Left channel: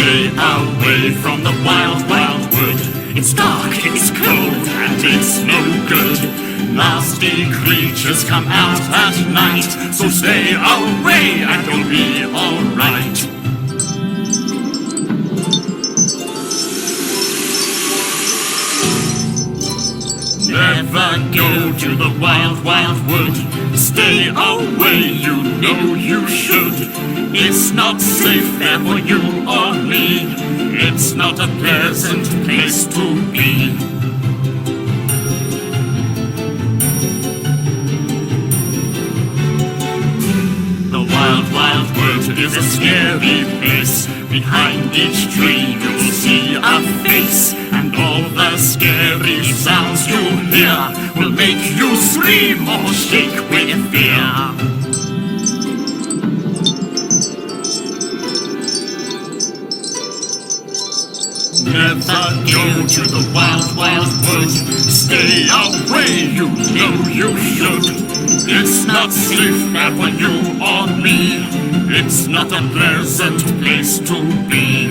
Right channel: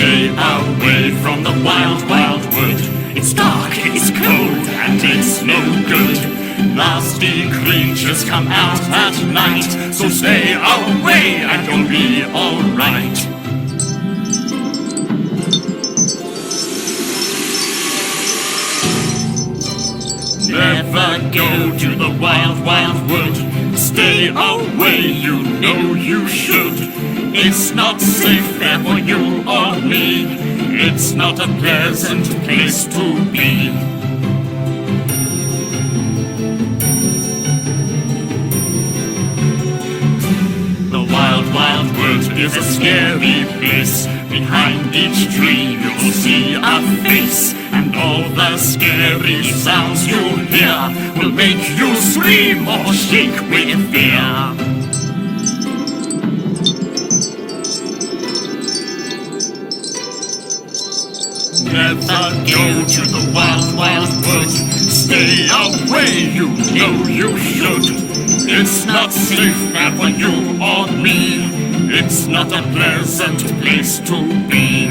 Stay away from the wild, wild wood. It's dark, it's cold, and it's no good. Nasty creatures come out at night, so stay away and you'll be alright. Never go to the wild, wild wood. Stay away, you know you should. It's not safe there for you or me. It's not a pleasant place to be. The wild, wild wood is a scary place. Behind each tree you'll see a face, and all the scary sounds you hear will make you scream or shake with fear. Never go to the wild, wild wood. Stay away, you know you should. It's not safe there for you or me. It's not a pleasant place to be.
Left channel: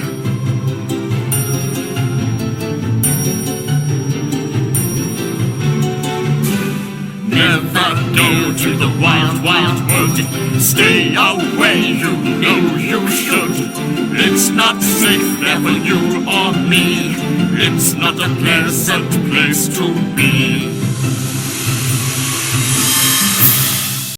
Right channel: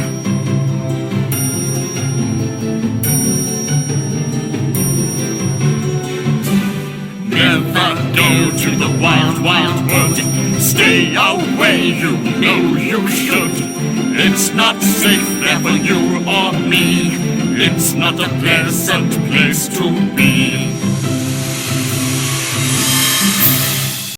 Never go to the wild, wild wood. Stay away, you know you should. It's not safe there for you or me. It's not a pleasant place to be.